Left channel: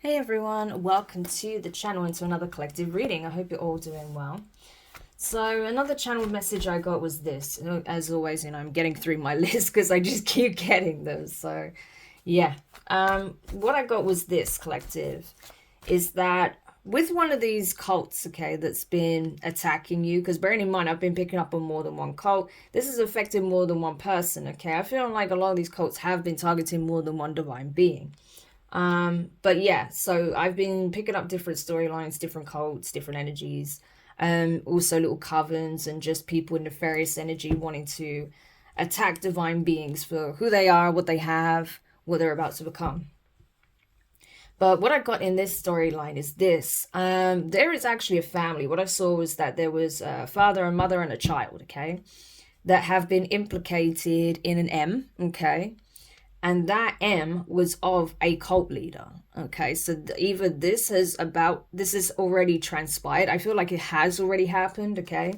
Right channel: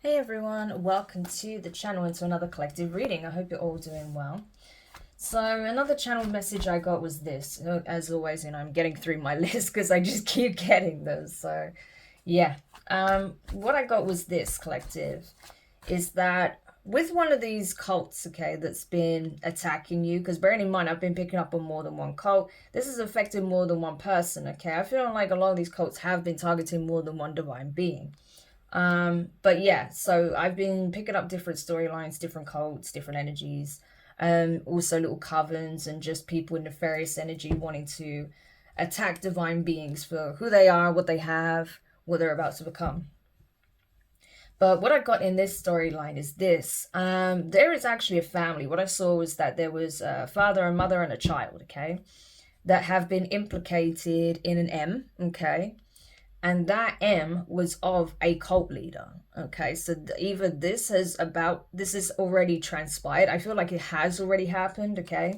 Hey everyone, welcome to the channel and to another collective reading. I hope you're all doing well. So another channel message I got was this. As always, I'm getting through my list because I just keep getting them. So yeah, what I got was this collective, is that with one of these cults, okay, that's been attacking you, because bearing in mind I've been picking up on more than one cult, this is affecting more than one person, okay. I feel like a lot of these cults have been targeting more than one divine being. But yeah, so I've been picking up different storylines, different cults, different energies, also little covens and just people in nefarious energy wanting to attack divine beings for who they are, what they have, what they're about to become. But what I got in this storyline is this. There is actually a family. What I saw was that there was a father, a mother, and a child, okay, that have been implicated in an M, okay, and that M was of a cult leader. Okay, so either this has already transpired. I feel like it has already happened. Okay,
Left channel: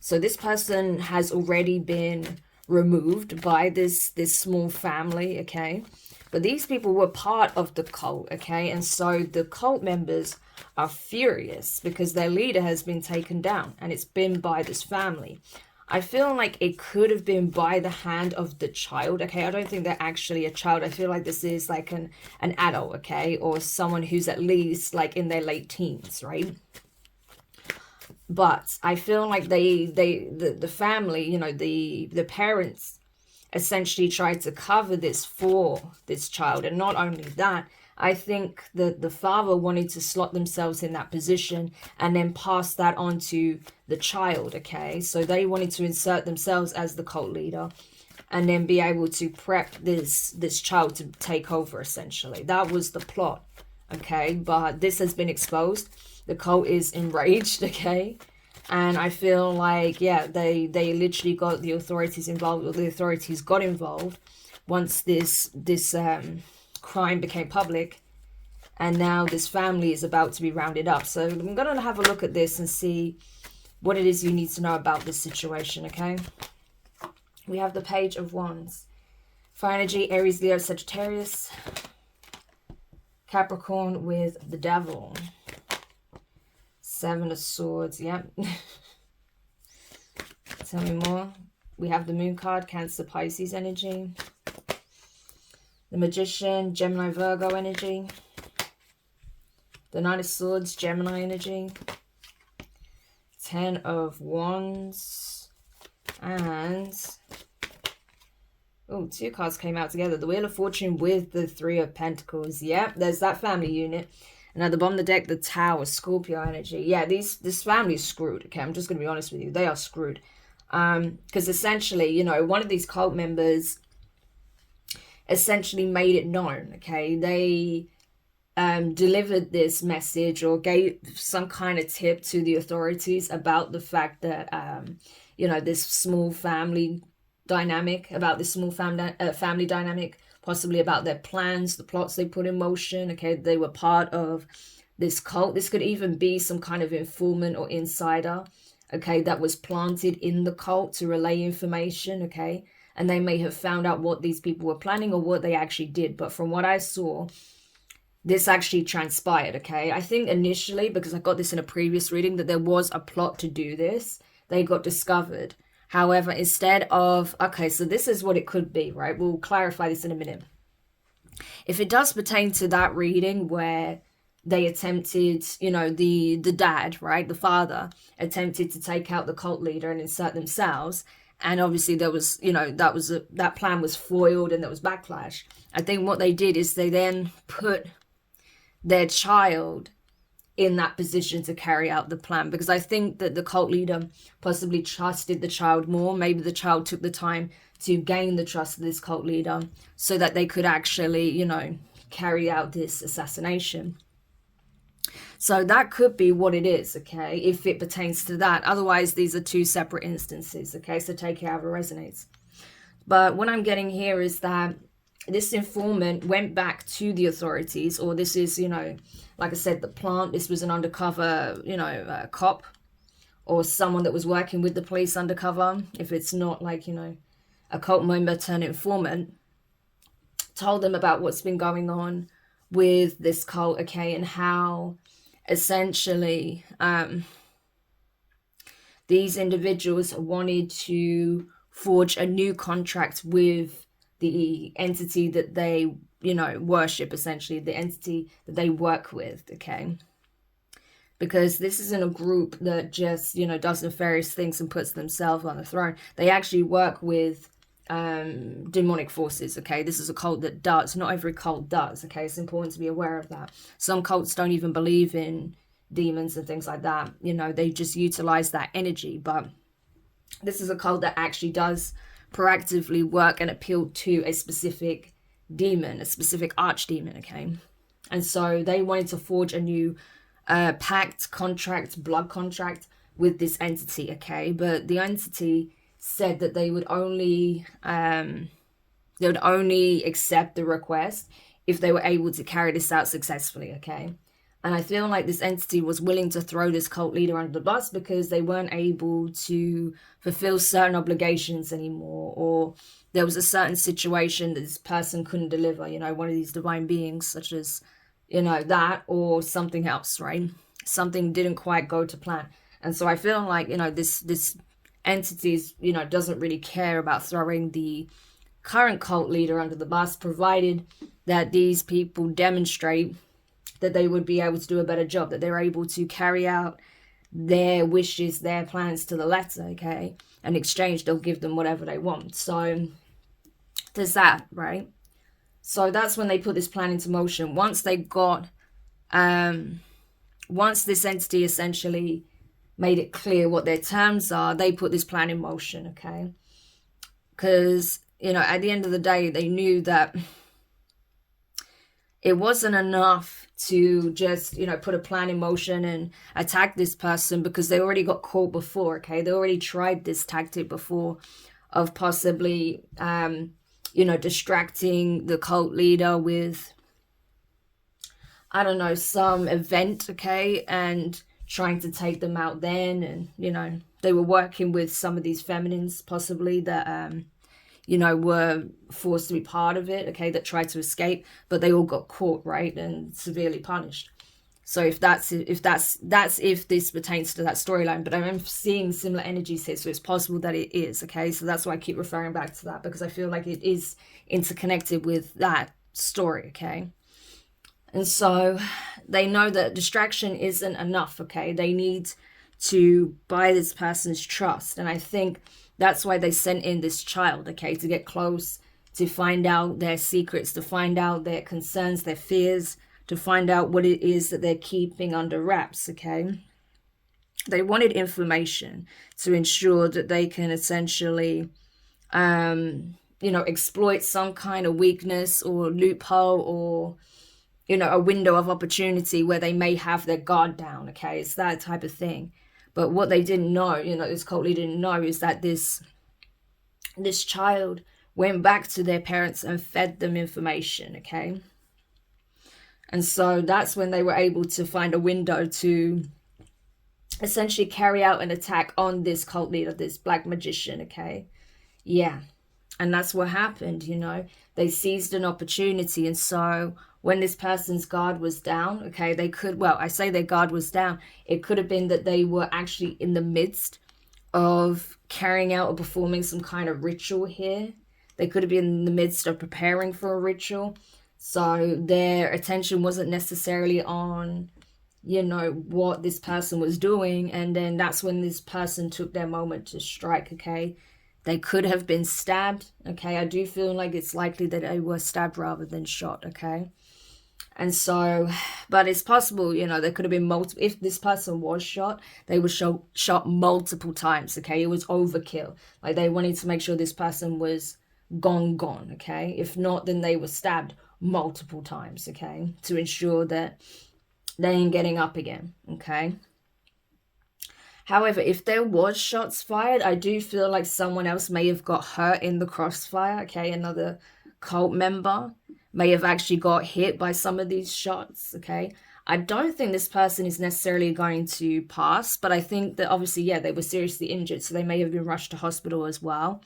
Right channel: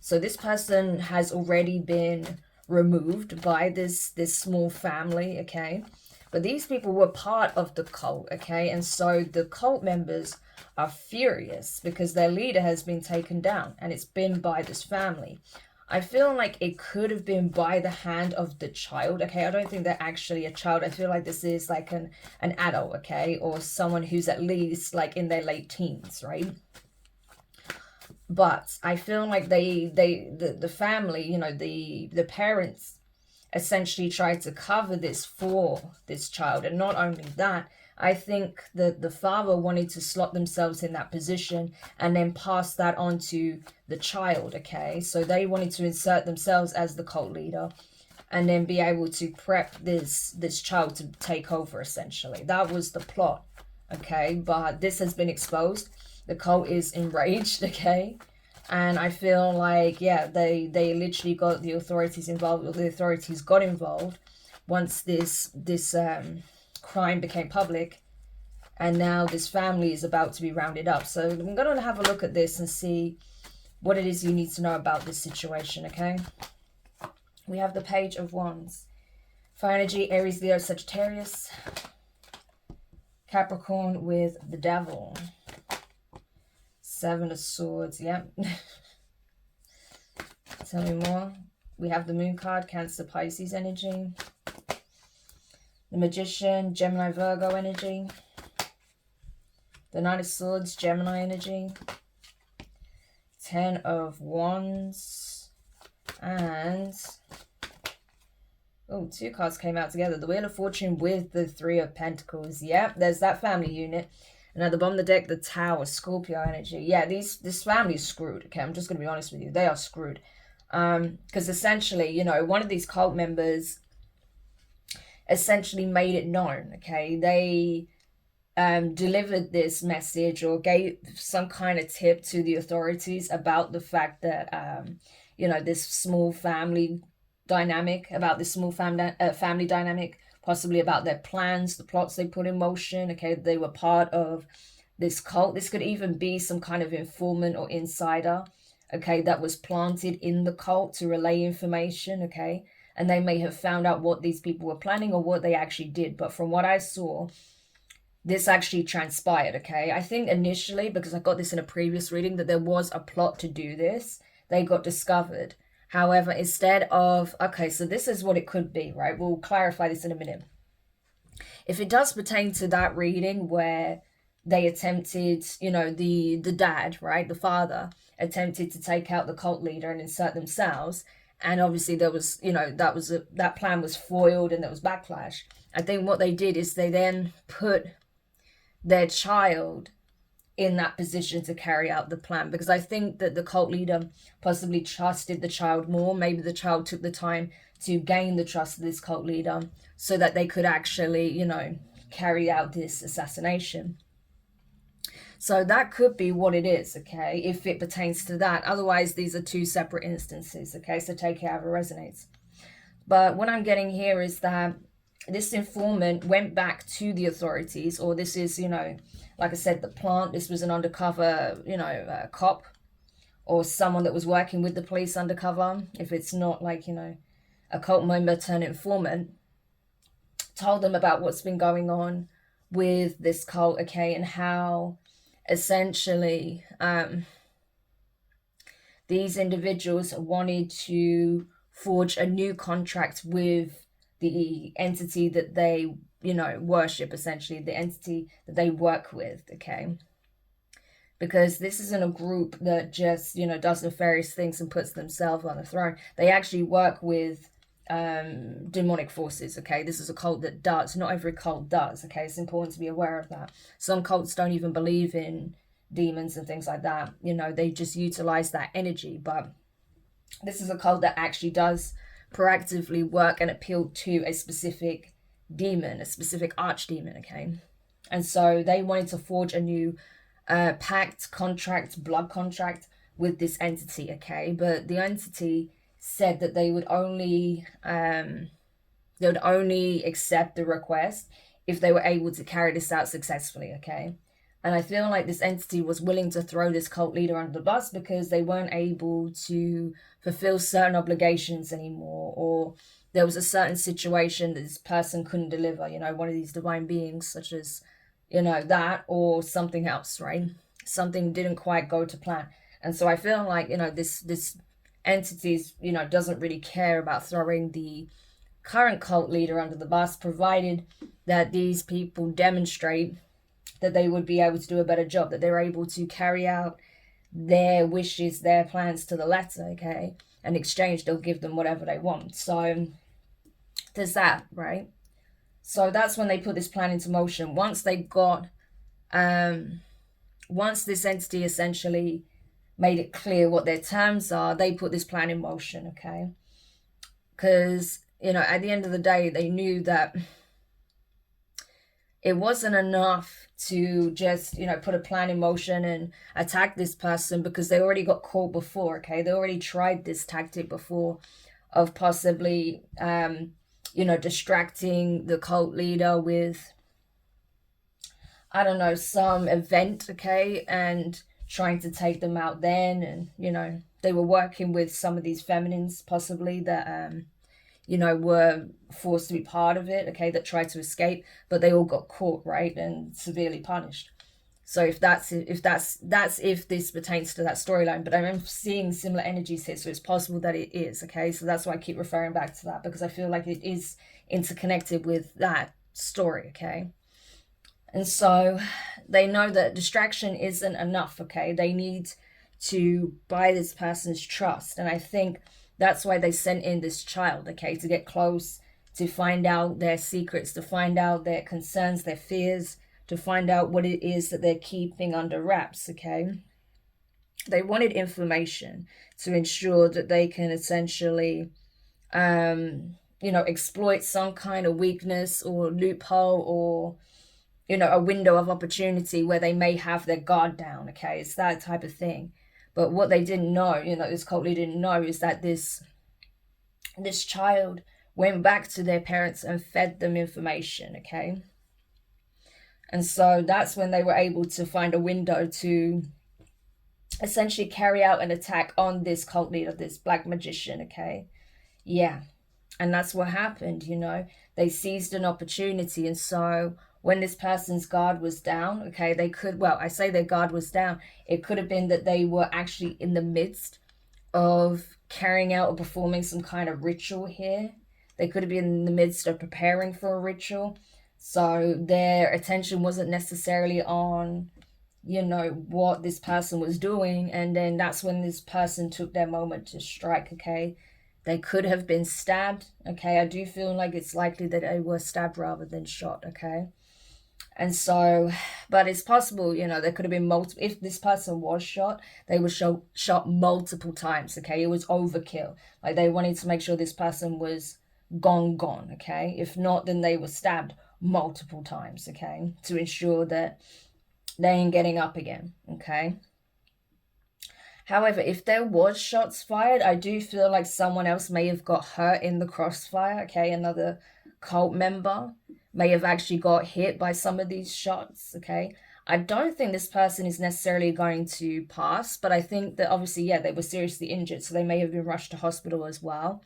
so this person has already been removed by this small family. Okay, but these people were part of the cult. Okay, and so the cult members are furious because their leader has been taken down, and it's been by this family. I feel like it could have been by the hand of the child. Okay, I don't think they're actually a child. I feel like this is like an adult, okay, or someone who's at least like in their late teens, right? But I feel like the family, the parents essentially tried to cover this for this child. And not only that, I think that the father wanted to slot themselves in that position and then pass that on to the child, okay? So they wanted to insert themselves as the cult leader and then be able to prep this child to take over, essentially. That was the plot, okay? But this has been exposed. The cult is enraged, okay? And I feel like, yeah, they literally got the authorities involved, or the authorities got involved once this crime became public, and now this family is about to be rounded up. So I'm gonna have a look at this and see what it is you need to know about this situation. Okay, we have the Page of Wands, fire energy, Aries, Leo, Sagittarius, Capricorn with the Devil, Seven of Swords. Yep. Tell me more. We have the Moon card, Cancer, Pisces energy, the Magician, Gemini, Virgo energy, the Knight of Swords, Gemini energy, Ten of Wands, and oh, two cards came out together. The Wheel of Fortune with the Three of Pentacles. Yep, there's that family unit. And at the bottom of the deck, the Tower, Scorpio energy. Yeah, this family is screwed. Okay, I'm just going to be honest with you. They are screwed. Because essentially, one of these cult members essentially made it known. Okay, they delivered this message or gave some kind of tip to the authorities about the fact that this small family dynamic, family dynamic, possibly about their plans, the plots they put in motion. Okay, they were part of this cult. This could even be some kind of informant or insider, okay, that was planted in the cult to relay information, okay, and they may have found out what these people were planning or what they actually did. But from what I saw, this actually transpired, okay? I think initially, because I got this in a previous reading, that there was a plot to do this. They got discovered. However, instead of, okay, so this is what it could be, right? We'll clarify this in a minute. If it does pertain to that reading where they attempted, the dad, right, the father, attempted to take out the cult leader and insert themselves, and obviously there was, that plan was foiled and there was backlash. I think what they did is they then put their child in that position to carry out the plan, because I think that the cult leader possibly trusted the child more. Maybe the child took the time to gain the trust of this cult leader so that they could actually, carry out this assassination. So that could be what it is, okay, if it pertains to that. Otherwise, these are two separate instances, okay, so take it however resonates. But what I'm getting here is that this informant went back to the authorities, or this is, like I said, the plant. This was an undercover, cop or someone that was working with the police undercover. If it's not like, a cult member turned informant, told them about what's been going on with this cult, okay, and how essentially these individuals wanted to forge a new contract with the entity that they, you know, worship, essentially, the entity that they work with, okay? Because this isn't a group that just, you know, does nefarious things and puts themselves on the throne. They actually work with demonic forces, okay? This is a cult that does. Not every cult does, okay? It's important to be aware of that. Some cults don't even believe in demons and things like that. You know, they just utilize that energy. But this is a cult that actually does proactively work and appeal to a specific demon, a specific archdemon, okay? And so they wanted to forge a new pact, contract, blood contract with this entity, okay? But the entity said that they would only accept the request if they were able to carry this out successfully, okay? And I feel like this entity was willing to throw this cult leader under the bus because they weren't able to fulfill certain obligations anymore, or there was a certain situation that this person couldn't deliver, you know, one of these divine beings, such as, you know, that, or something else, right? Something didn't quite go to plan. And so I feel like, you know, this entities, you know, doesn't really care about throwing the current cult leader under the bus, provided that these people demonstrate that they would be able to do a better job, that they're able to carry out their wishes, their plans to the letter, okay? In exchange, they'll give them whatever they want. So there's that, right? So that's when they put this plan into motion. Once they got, once this entity essentially made it clear what their terms are, they put this plan in motion, okay? Because, you know, at the end of the day, they knew that it wasn't enough to just, you know, put a plan in motion and attack this person, because they already got caught before, okay? They already tried this tactic before of possibly, you know, distracting the cult leader with, I don't know, some event, okay? And trying to take them out then. And, you know, they were working with some of these feminines possibly that, you know, were forced to be part of it, okay, that tried to escape, but they all got caught, right, and severely punished. So if this pertains to that storyline, but I'm seeing similar energies here, so it's possible that it is, okay? So that's why I keep referring back to that, because I feel like it is interconnected with that story, okay? And so they know that distraction isn't enough, okay? They need to buy this person's trust. And I think that's why they sent in this child, okay, to get close, to find out their secrets, to find out their concerns, their fears, to find out what it is that they're keeping under wraps, okay? They wanted information to ensure that they can essentially, you know, exploit some kind of weakness or loophole, or, you know, a window of opportunity where they may have their guard down, okay? It's that type of thing. But what they didn't know, you know, this cult leader didn't know, is that this child went back to their parents and fed them information, okay? And so that's when they were able to find a window to essentially carry out an attack on this cult leader, this black magician, okay? Yeah. And that's what happened, you know. They seized an opportunity. And so when this person's guard was down, okay, they could, well, I say their guard was down. It could have been that they were actually in the midst of carrying out or performing some kind of ritual here. They could have been in the midst of preparing for a ritual. So their attention wasn't necessarily on, you know, what this person was doing. And then that's when this person took their moment to strike, okay? They could have been stabbed, okay? I do feel like it's likely that they were stabbed rather than shot, okay? And so, but it's possible, you know, there could have been multiple, if this person was shot, they were shot multiple times, okay? It was overkill. Like, they wanted to make sure this person was gone, okay? If not, then they were stabbed multiple times, okay? To ensure that they ain't getting up again, okay? However, if there was shots fired, I do feel like someone else may have got hurt in the crossfire, okay? Another cult member may have actually got hit by some of these shots, okay? I don't think this person is necessarily going to pass, but I think that obviously, yeah, they were seriously injured, so they may have been rushed to hospital as well.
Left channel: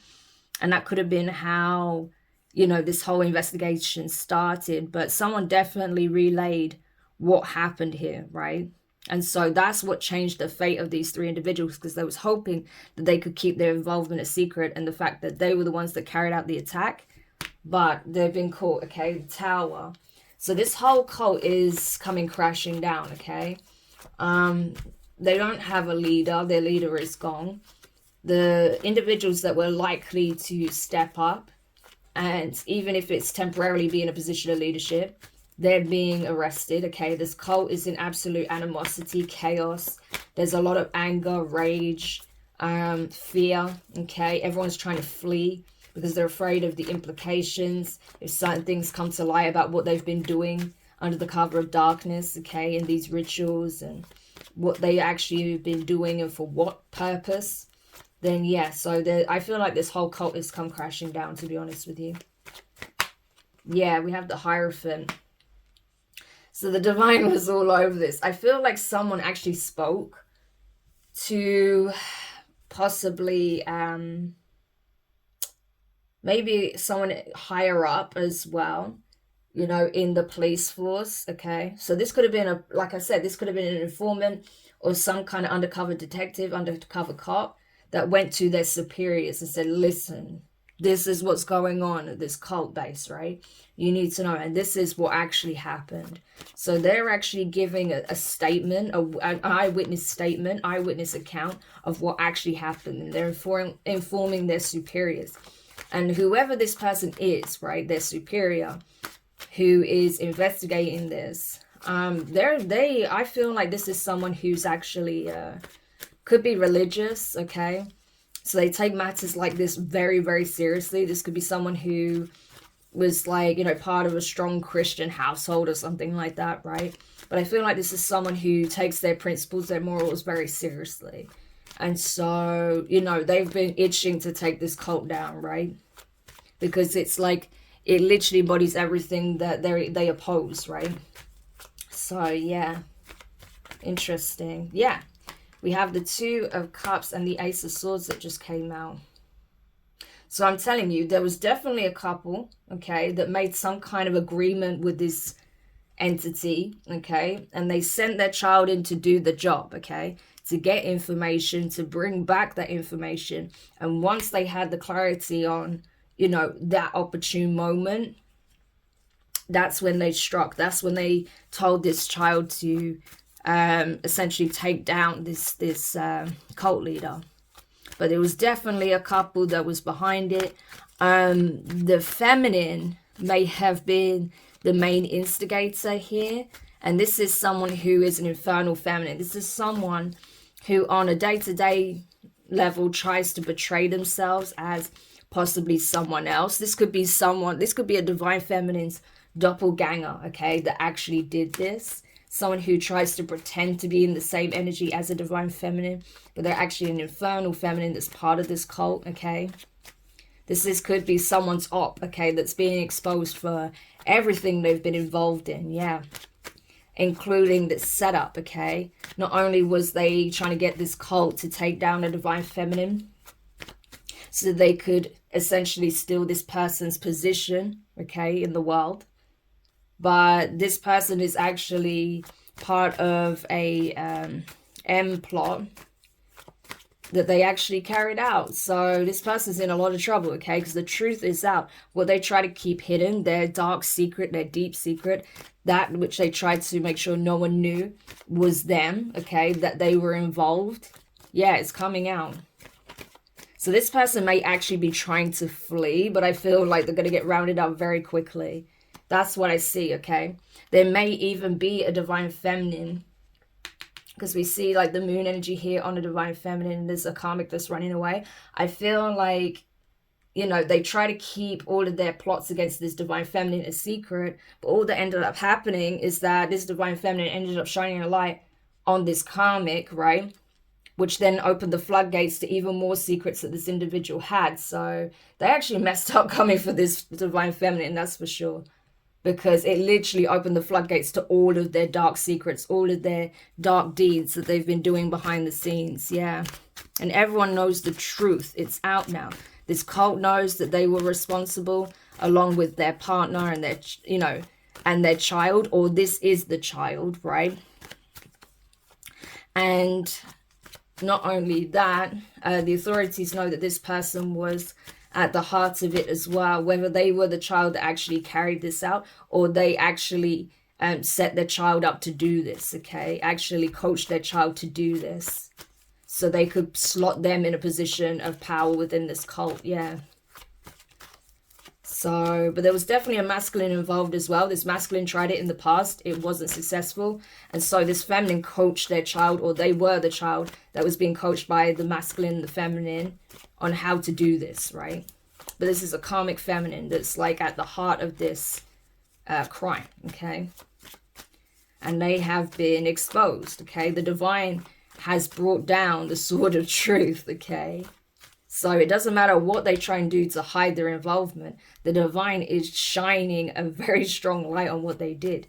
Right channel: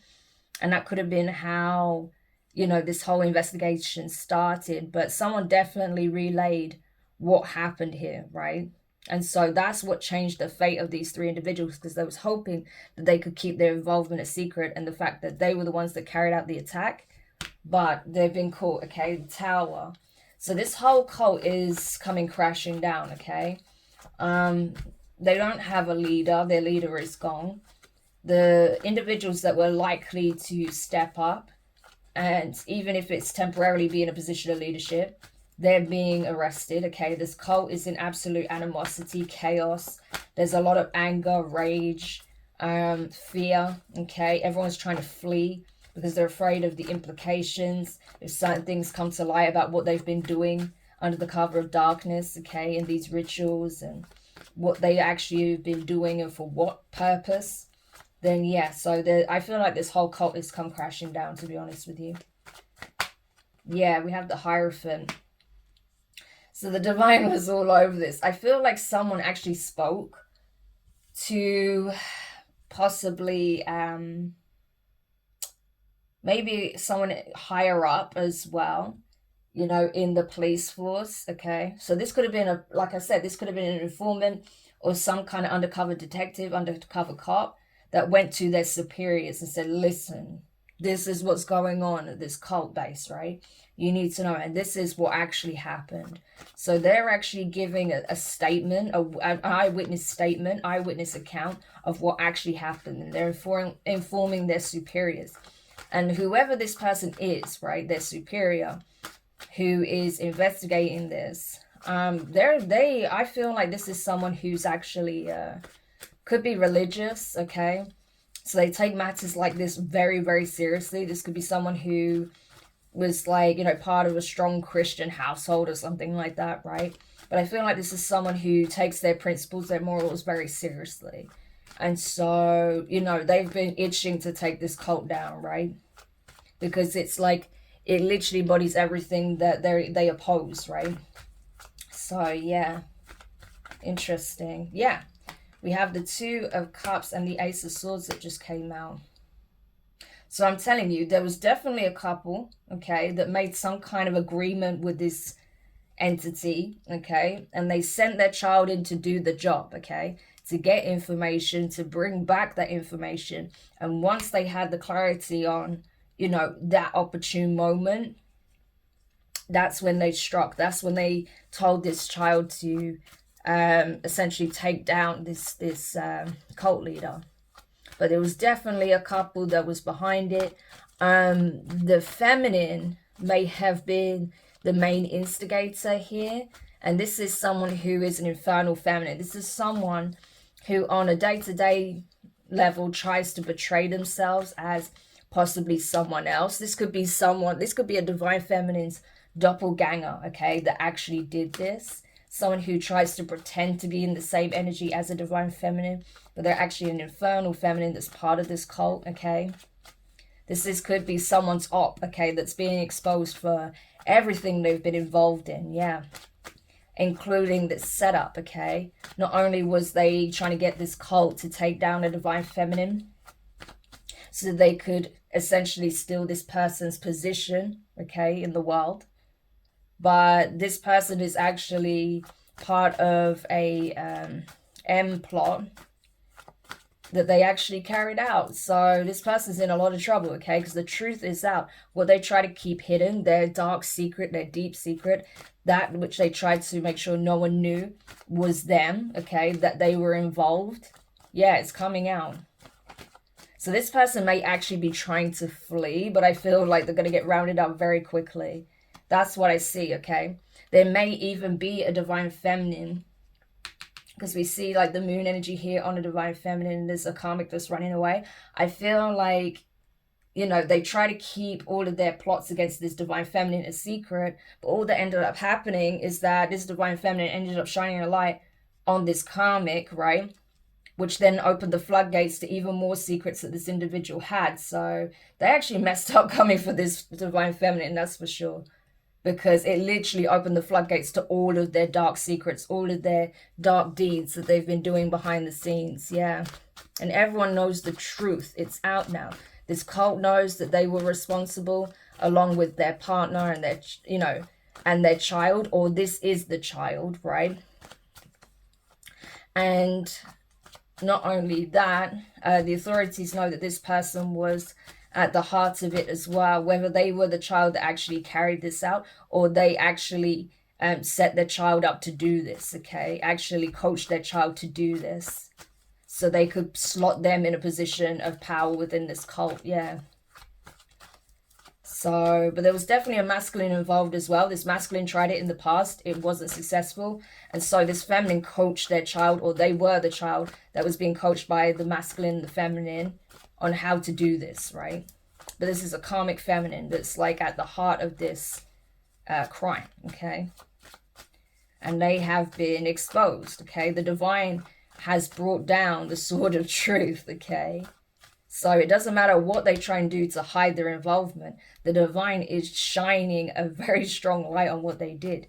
And that could have been how you know, this whole investigation started, but someone definitely relayed what happened here, right? And so that's what changed the fate of these three individuals, because they was hoping that they could keep their involvement a secret, and the fact that they were the ones that carried out the attack, but they've been caught, okay? The Tower. So this whole cult is coming crashing down, okay? They don't have a leader. Their leader is gone. The individuals that were likely to step up, and even if it's temporarily be in a position of leadership, they're being arrested, okay? This cult is in absolute animosity, chaos. There's a lot of anger, rage, fear, okay? Everyone's trying to flee because they're afraid of the implications if certain things come to light about what they've been doing under the cover of darkness, okay? And these rituals and what they actually have been doing and for what purpose. Then yeah, so I feel like this whole cult has come crashing down, to be honest with you. Yeah, we have the Hierophant. So the divine was all over this. I feel like someone actually spoke to possibly maybe someone higher up as well, you know, in the police force, okay? So this could have been like I said, this could have been an informant or some kind of undercover detective, undercover cop that went to their superiors and said, listen, this is what's going on at this cult base, right? You need to know, and this is what actually happened. So they're actually giving a statement, an eyewitness statement, eyewitness account of what actually happened, and they're informing their superiors. And whoever this person is, right, their superior, who is investigating this, I feel like this is someone who's actually could be religious, okay? So they take matters like this very, very seriously. This could be someone who was like, you know, part of a strong Christian household or something like that, right? But I feel like this is someone who takes their principles, their morals very seriously. And so, you know, they've been itching to take this cult down, right? Because it's like, it literally embodies everything that they oppose, right? So, yeah. Interesting. Yeah. We have the Two of Cups and the Ace of Swords that just came out. So I'm telling you, there was definitely a couple, okay, that made some kind of agreement with this entity, okay? And they sent their child in to do the job, okay? To get information, to bring back that information. And once they had the clarity on, you know, that opportune moment, that's when they struck. That's when they told this child to essentially take down this cult leader. But there was definitely a couple that was behind it. The feminine may have been the main instigator here, and this is someone who is an infernal feminine. This is someone who on a day-to-day level tries to portray themselves as possibly someone else. This could be a divine feminine's doppelganger, okay, that actually did this. Someone who tries to pretend to be in the same energy as a divine feminine, but they're actually an infernal feminine that's part of this cult, okay? This could be someone's op, okay, that's being exposed for everything they've been involved in, yeah. Including the setup, okay? Not only was they trying to get this cult to take down a divine feminine, so they could essentially steal this person's position, okay, in the world, but this person is actually part of a M plot that they actually carried out. So this person's in a lot of trouble, okay? Because the truth is out. What they try to keep hidden, their dark secret, their deep secret, that which they tried to make sure no one knew was them, okay? That they were involved. Yeah, it's coming out. So this person may actually be trying to flee, but I feel like they're going to get rounded up very quickly. That's what I see, okay? There may even be a divine feminine, because we see like the moon energy here on a divine feminine, and there's a karmic that's running away. I feel like, you know, they try to keep all of their plots against this divine feminine a secret, but all that ended up happening is that this divine feminine ended up shining a light on this karmic, right? Which then opened the floodgates to even more secrets that this individual had. So they actually messed up coming for this divine feminine, that's for sure. Because it literally opened the floodgates to all of their dark secrets, all of their dark deeds that they've been doing behind the scenes, yeah. And everyone knows the truth. It's out now. This cult knows that they were responsible. along with their partner and their, you know, and their child, or this is the child, right? And not only that, the authorities know that this person was at the heart of it as well, whether they were the child that actually carried this out, or they actually set their child up to do this, okay? Actually coached their child to do this, so they could slot them in a position of power within this cult, yeah. So, but there was definitely a masculine involved as well. This masculine tried it in the past. It wasn't successful. And so this feminine coached their child, or they were the child that was being coached by the masculine, the feminine, on how to do this, right? But this is a karmic feminine that's like at the heart of this crime, okay? And they have been exposed, okay? The divine has brought down the sword of truth, okay? So it doesn't matter what they try and do to hide their involvement. The divine is shining a very strong light on what they did.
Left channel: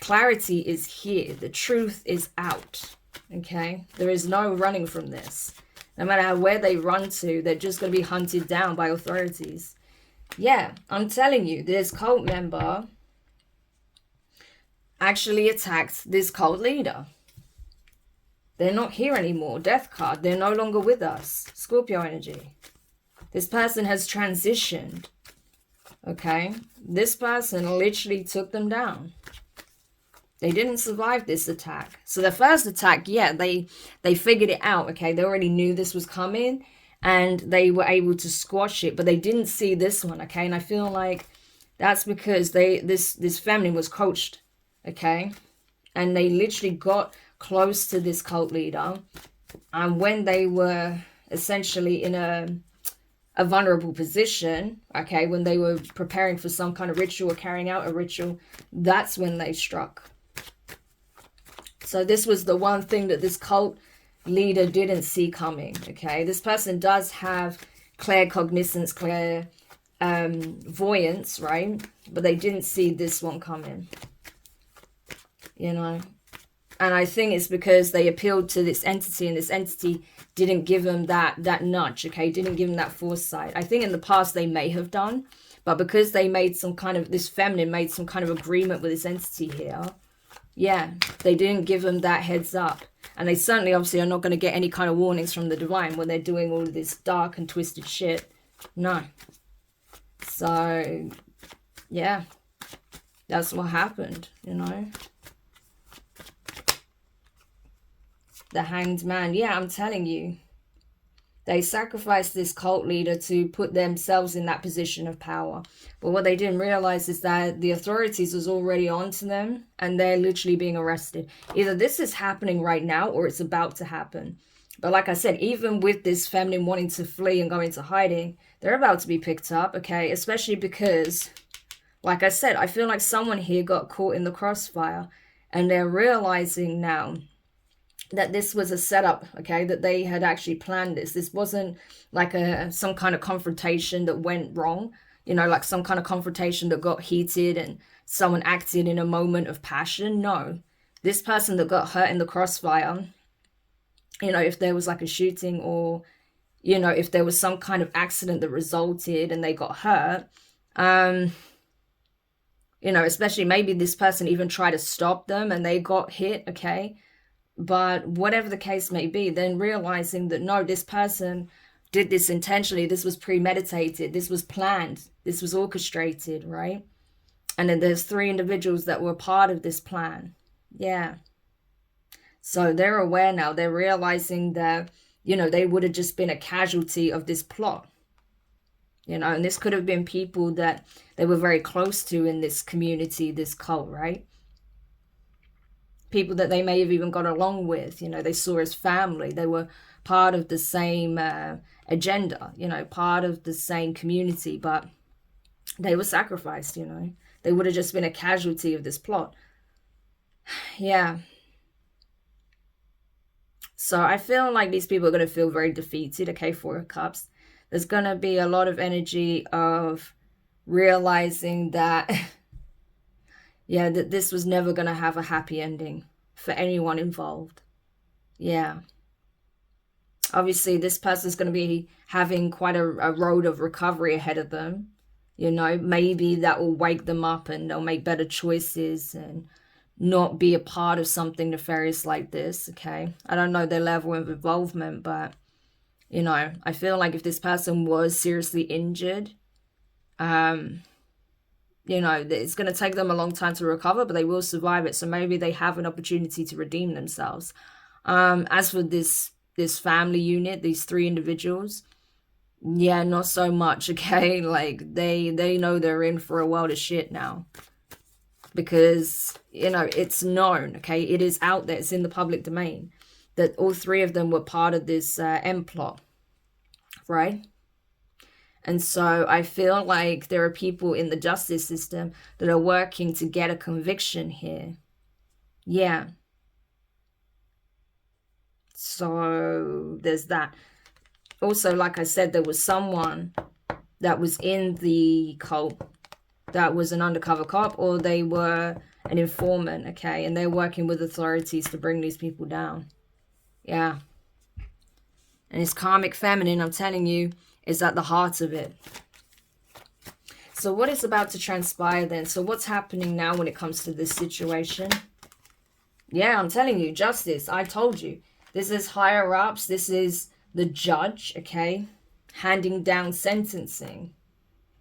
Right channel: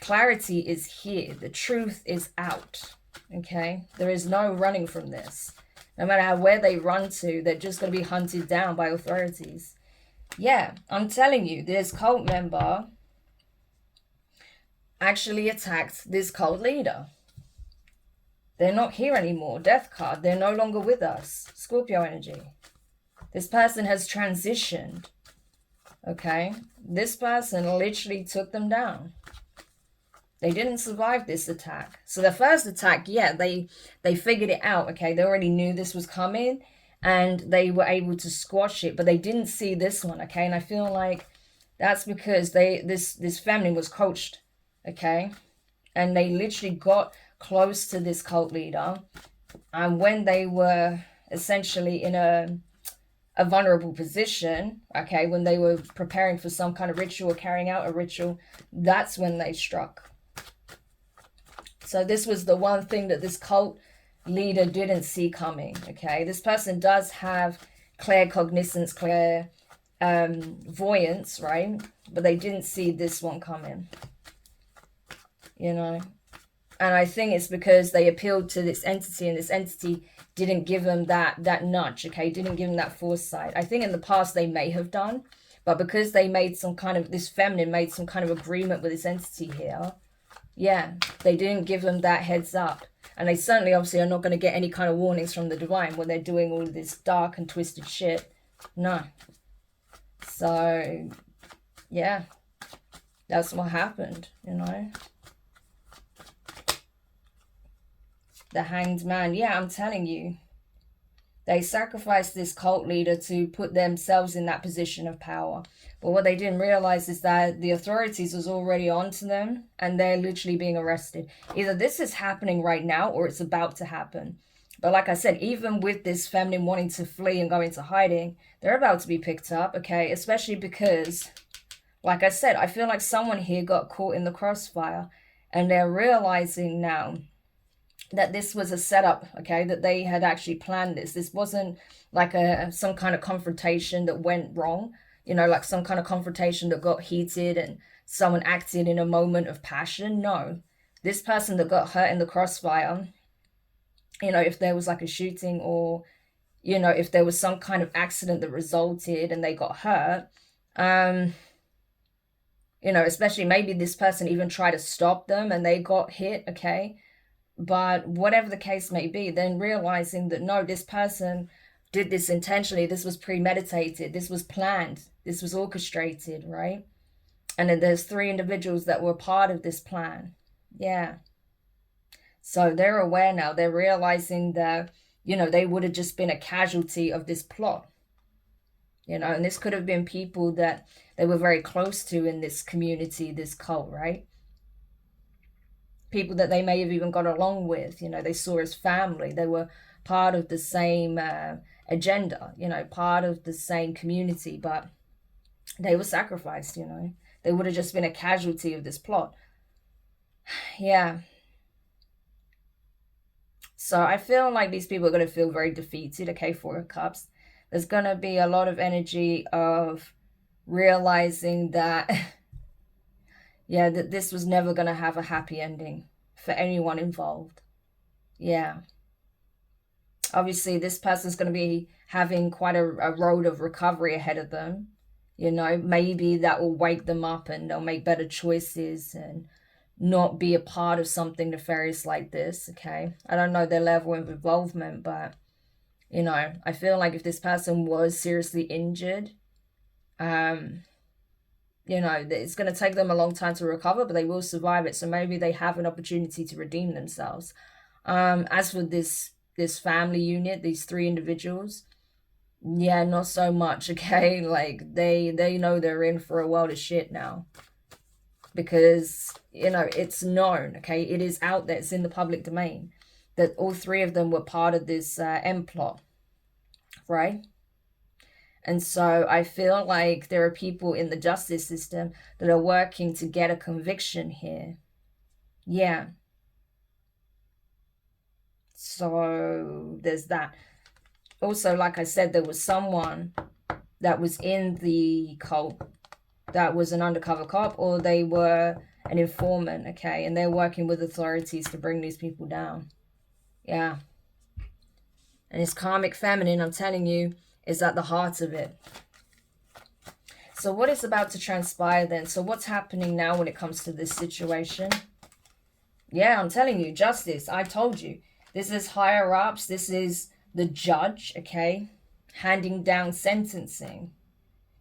Clarity is here. The truth is out. Okay? There is no running from this. No matter where they run to, they're just going to be hunted down by authorities. Yeah, I'm telling you, this cult member actually attacked this cult leader. They're not here anymore. Death card. They're no longer with us. Scorpio energy. This person has transitioned. Okay? This person literally took them down. They didn't survive this attack. So the first attack, yeah, they figured it out. Okay? They already knew this was coming. And they were able to squash it. But they didn't see this one. Okay? And I feel like that's because this family was coached. Okay? And they literally got close to this cult leader, and when they were essentially in a vulnerable position, okay, when they were preparing for some kind of ritual or carrying out a ritual, that's when they struck. So this was the one thing that this cult leader didn't see coming, okay? This person does have claircognizance, clairvoyance, right? But they didn't see this one coming, you know? And I think it's because they appealed to this entity, and this entity didn't give them that nudge, okay? Didn't give them that foresight. I think in the past they may have done, but because they made some kind of, this feminine made some kind of agreement with this entity here, yeah, they didn't give them that heads up. And they certainly obviously are not going to get any kind of warnings from the divine when they're doing all of this dark and twisted shit. No. So, yeah, that's what happened, you know? The Hanged Man. Yeah, I'm telling you. They sacrificed this cult leader to put themselves in that position of power. But what they didn't realize is that the authorities was already onto them, and they're literally being arrested. Either this is happening right now or it's about to happen. But like I said, even with this feminine wanting to flee and go into hiding, they're about to be picked up, okay? Especially because, like I said, I feel like someone here got caught in the crossfire, and they're realizing now that this was a setup, okay, that they had actually planned this. This wasn't like some kind of confrontation that went wrong, you know, like some kind of confrontation that got heated and someone acted in a moment of passion. No, this person that got hurt in the crossfire, you know, if there was like a shooting, or, you know, if there was some kind of accident that resulted and they got hurt, you know, especially maybe this person even tried to stop them and they got hit, okay? But whatever the case may be, then realizing that no, this person did this intentionally, this was premeditated, this was planned, this was orchestrated, right? And then there's 3 individuals that were part of this plan. Yeah. So they're aware now. They're realizing that, you know, they would have just been a casualty of this plot. You know, and this could have been people that they were very close to in this community, this cult, right? People that they may have even got along with, you know, they saw as family. They were part of the same agenda, you know, part of the same community, but they were sacrificed, you know. They would have just been a casualty of this plot. Yeah. So I feel like these people are going to feel very defeated, okay, 4 of Cups. There's going to be a lot of energy of realizing that yeah, that this was never going to have a happy ending for anyone involved. Yeah. Obviously, this person's going to be having quite a road of recovery ahead of them. You know, maybe that will wake them up and they'll make better choices and not be a part of something nefarious like this, okay? I don't know their level of involvement, but, you know, I feel like if this person was seriously injured, you know, it's going to take them a long time to recover, but they will survive it. So maybe they have an opportunity to redeem themselves. As for this family unit, these 3 individuals, yeah, not so much, okay? Like, they know they're in for a world of shit now. Because, you know, it's known, okay? It is out there. It's in the public domain that all 3 of them were part of this M plot, right? And so I feel like there are people in the justice system that are working to get a conviction here. Yeah. So there's that. Also, like I said, there was someone that was in the cult that was an undercover cop, or they were an informant, okay? And they're working with authorities to bring these people down. Yeah. And it's karmic feminine, I'm telling you, is at the heart of it. So what is about to transpire then? So what's happening now when it comes to this situation? Yeah, I'm telling you, justice. I told you. This is higher ups. This is the judge, okay? Handing down sentencing.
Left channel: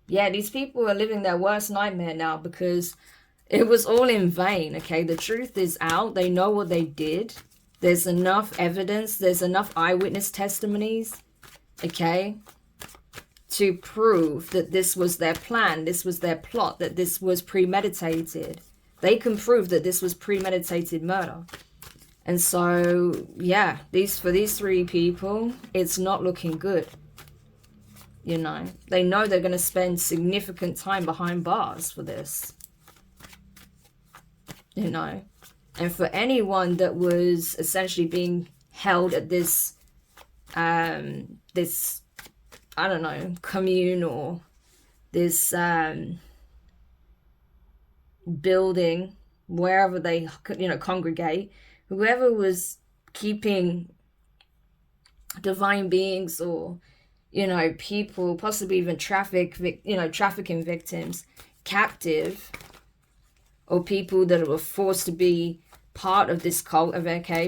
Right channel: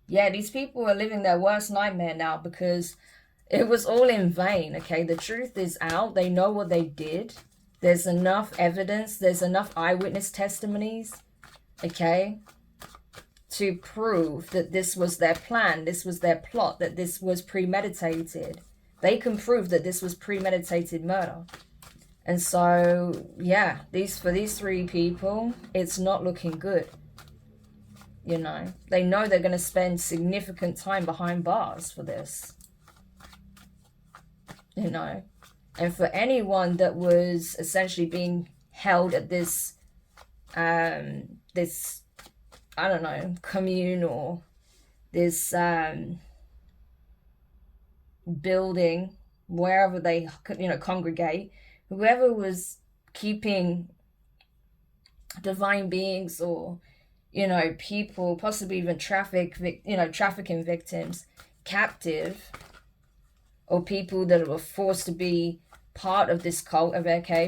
Yeah, these people are living their worst nightmare now because it was all in vain, okay? The truth is out. They know what they did. There's enough evidence. There's enough eyewitness testimonies, okay, to prove that this was their plan, this was their plot, that this was premeditated. They can prove that this was premeditated murder. And so, yeah, for these 3 people, it's not looking good. You know, they know they're going to spend significant time behind bars for this. You know, and for anyone that was essentially being held at this, this, I don't know, commune or this building, wherever they, you know, congregate, whoever was keeping divine beings or, you know, people, possibly even trafficking victims captive, or people that were forced to be part of this cult of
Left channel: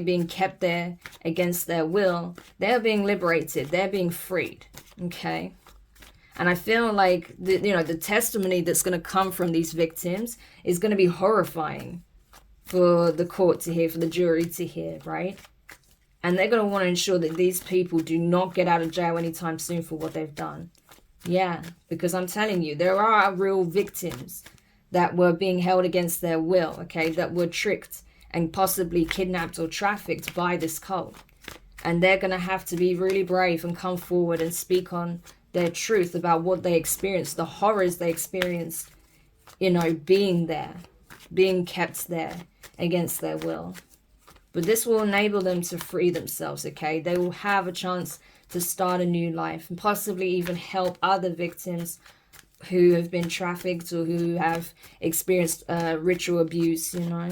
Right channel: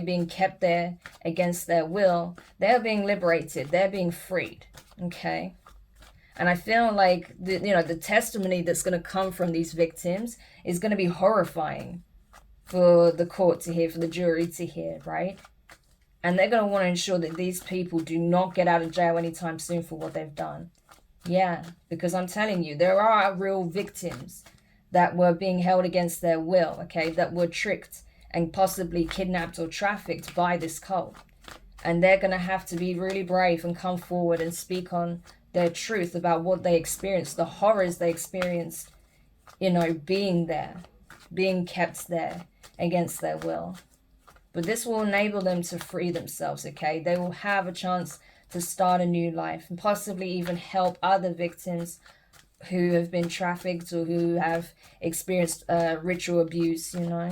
being kept there against their will, they're being liberated, they're being freed, okay? And I feel like the testimony that's going to come from these victims is going to be horrifying for the court to hear, for the jury to hear, right? And they're going to want to ensure that these people do not get out of jail anytime soon for what they've done. Yeah, because I'm telling you, there are real victims that were being held against their will, okay, that were tricked and possibly kidnapped or trafficked by this cult. And they're going to have to be really brave and come forward and speak on their truth about what they experienced, the horrors they experienced, you know, being there, being kept there against their will. But this will enable them to free themselves, okay? They will have a chance to start a new life and possibly even help other victims who have been trafficked or who have experienced ritual abuse, you know?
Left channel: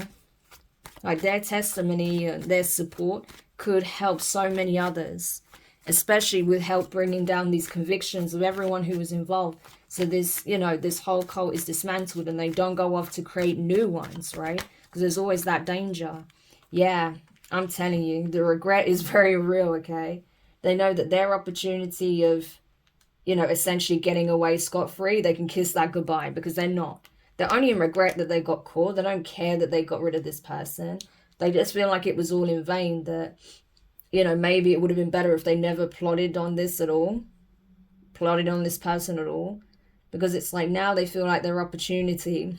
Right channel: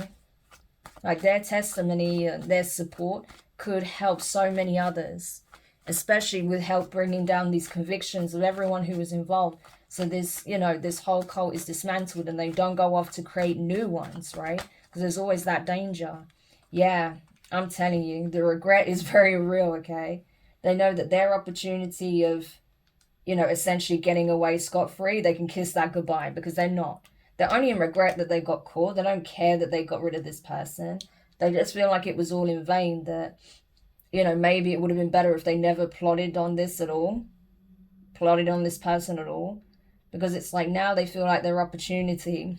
Like their testimony and their support could help so many others, especially with help bringing down these convictions of everyone who was involved. So this, you know, this whole cult is dismantled and they don't go off to create new ones, right? Because there's always that danger. Yeah, I'm telling you, the regret is very real, okay? They know that their opportunity of, you know, essentially getting away scot-free, they can kiss that goodbye because they're not. They're only in regret that they got caught. They don't care that they got rid of this person. They just feel like it was all in vain, that, you know, maybe it would have been better if they never plotted on this at all, plotted on this person at all, because it's like now they feel like their opportunity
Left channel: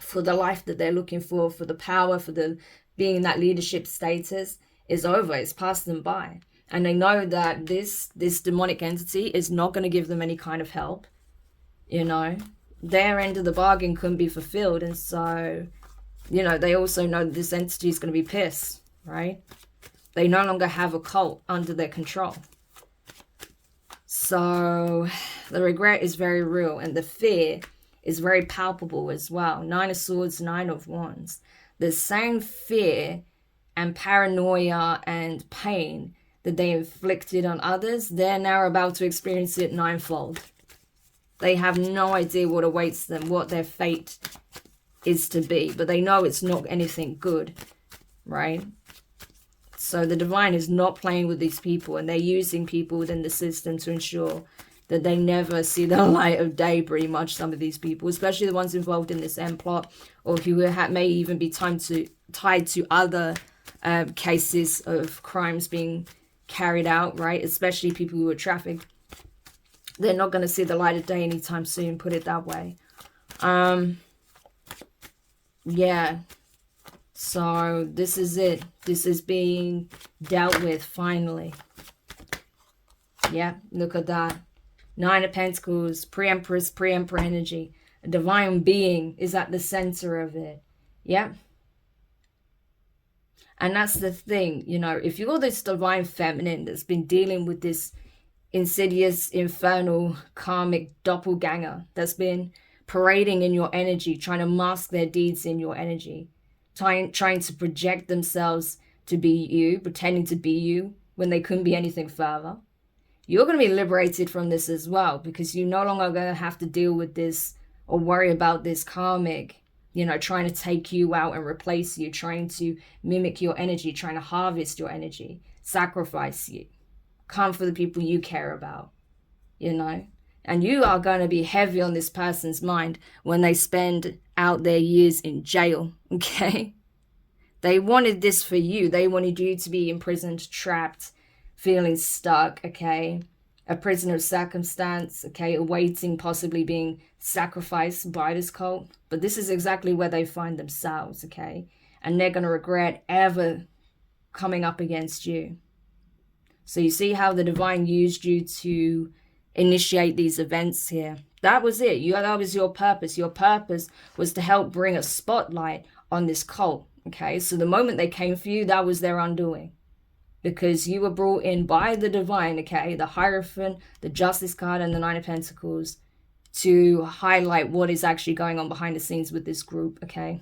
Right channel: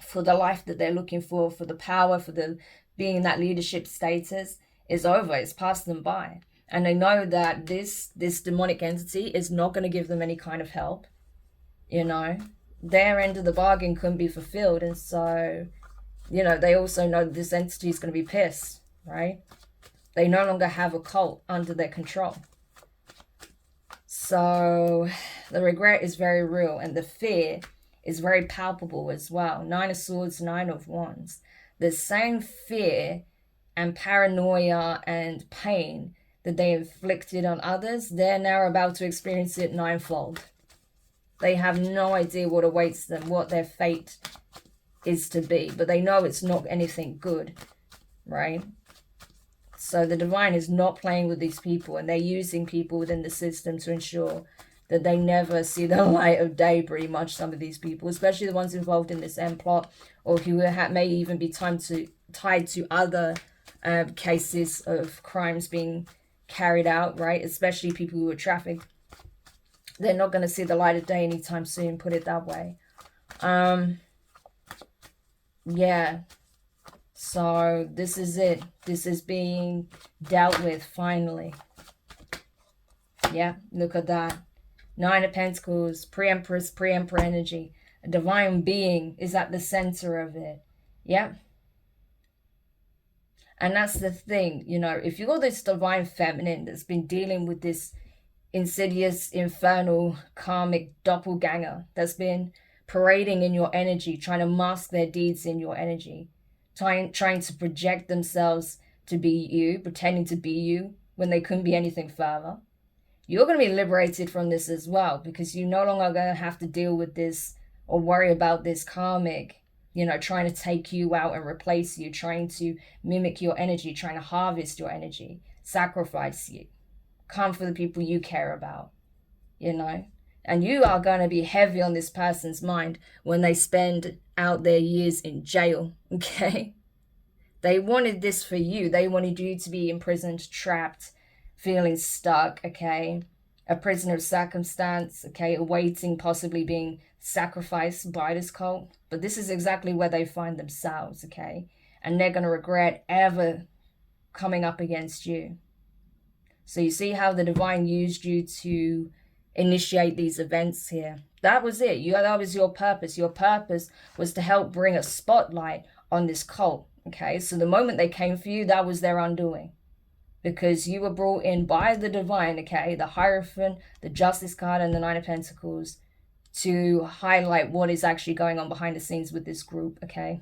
for the life that they're looking for the power, for the being in that leadership status is over. It's passed them by. And they know that this demonic entity is not going to give them any kind of help. You know, their end of the bargain couldn't be fulfilled. And so, you know, they also know that this entity is going to be pissed, right? They no longer have a cult under their control. So the regret is very real, and the fear is very palpable as well. 9 of Swords, 9 of Wands. The same fear and paranoia and pain that they inflicted on others, they're now about to experience it ninefold. They have no idea what awaits them, what their fate is to be. But they know it's not anything good, right? So the divine is not playing with these people, and they're using people within the system to ensure that they never see the light of day, pretty much, some of these people, especially the ones involved in this end plot, or who may even be tied to other cases of crimes being carried out, right? Especially people who are trafficked. They're not going to see the light of day anytime soon, put it that way. Yeah. So this is it. This is being dealt with finally. Yeah, look at that. 9 of Pentacles, pre-empress, pre-emperor energy. A divine being is at the center of it. Yeah. And that's the thing, you know, if you're this divine feminine that's been dealing with this insidious, infernal, karmic doppelganger that's been parading in your energy, trying to mask their deeds in your energy, trying to project themselves to be you, pretending to be you when they couldn't be anything further, you're going to be liberated from this as well, because you're no longer going to have to deal with this or worry about this karmic, you know, trying to take you out and replace you, trying to mimic your energy, trying to harvest your energy, sacrifice you, come for the people you care about, you know. And you are going to be heavy on this person's mind when they spend out their years in jail, okay? They wanted this for you. They wanted you to be imprisoned, trapped, feeling stuck, okay? A prisoner of circumstance, okay? Awaiting possibly being sacrificed by this cult. But this is exactly where they find themselves, okay? And they're going to regret ever coming up against you. So you see how the divine used you to initiate these events here. That was it. That was your purpose. Your purpose was to help bring a spotlight on this cult, okay? So the moment they came for you, that was their undoing. Because you were brought in by the divine, okay? The Hierophant, the Justice card, and the 9 of Pentacles to highlight what is actually going on behind the scenes with this group, okay?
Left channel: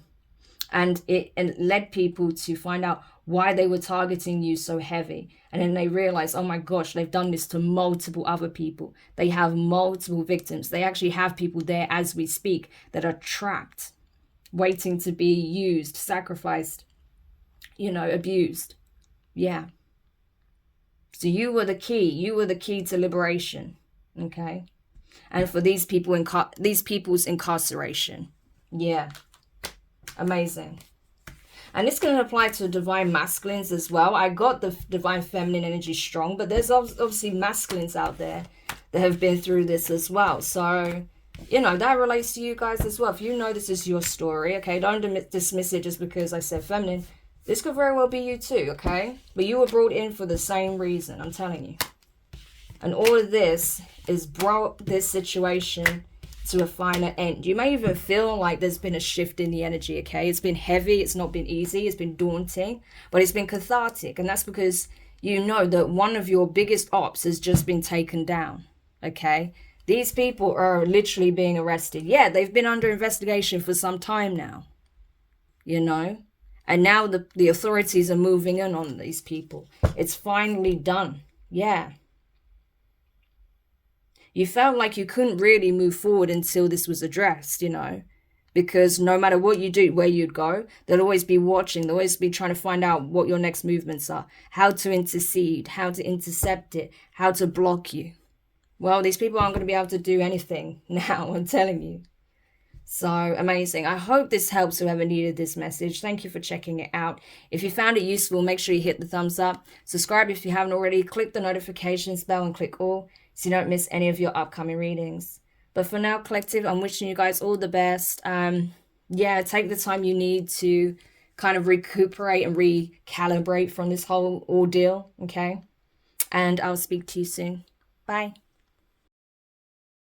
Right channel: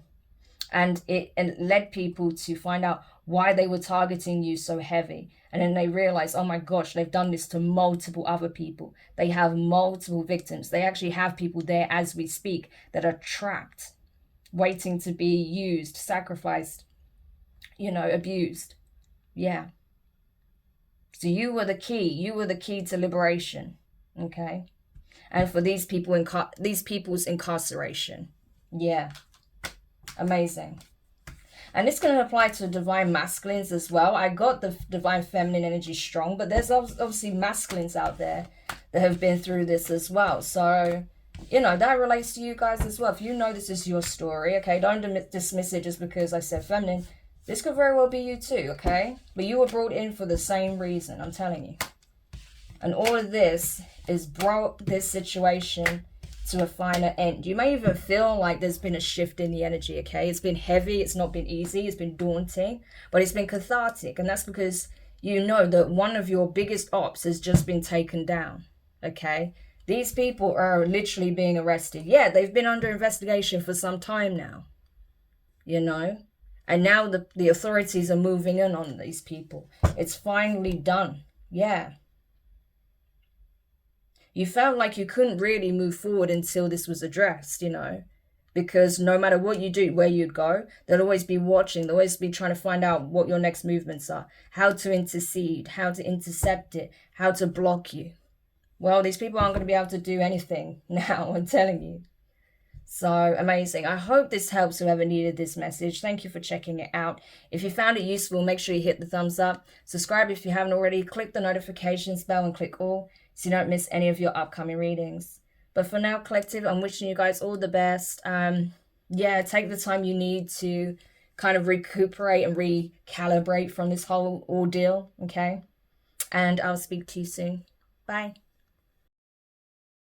And it led people to find out why they were targeting you so heavy. And then they realized, oh my gosh, they've done this to multiple other people. They have multiple victims. They actually have people there as we speak that are trapped, waiting to be used, sacrificed, you know, abused. Yeah. So you were the key. You were the key to liberation, okay? And for these people, these people's incarceration. Yeah. Amazing. And it's going to apply to divine masculines as well. I got the divine feminine energy strong, but there's obviously masculines out there that have been through this as well. So, you know, that relates to you guys as well. If you know this is your story, okay, don't dismiss it just because I said feminine. This could very well be you too, okay? But you were brought in for the same reason, I'm telling you. And all of this is brought this situation to a final end. You may even feel like there's been a shift in the energy, okay? It's been heavy, it's not been easy, it's been daunting, but it's been cathartic. And that's because you know that one of your biggest ops has just been taken down, okay? These people are literally being arrested. Yeah, they've been under investigation for some time now, you know? And now the authorities are moving in on these people. It's finally done. Yeah. You felt like you couldn't really move forward until this was addressed, you know, because no matter what you do, where you'd go, they'll always be watching. They'll always be trying to find out what your next movements are, how to intercede, how to intercept it, how to block you. Well, these people aren't going to be able to do anything now, I'm telling you. So amazing. I hope this helps whoever needed this message. Thank you for checking it out. If you found it useful, make sure you hit the thumbs up. Subscribe if you haven't already. Click the notifications bell and click all so you don't miss any of your upcoming readings. But for now, collective, I'm wishing you guys all the best. Yeah, take the time you need to kind of recuperate and recalibrate from this whole ordeal, okay? And I'll speak to you soon. Bye.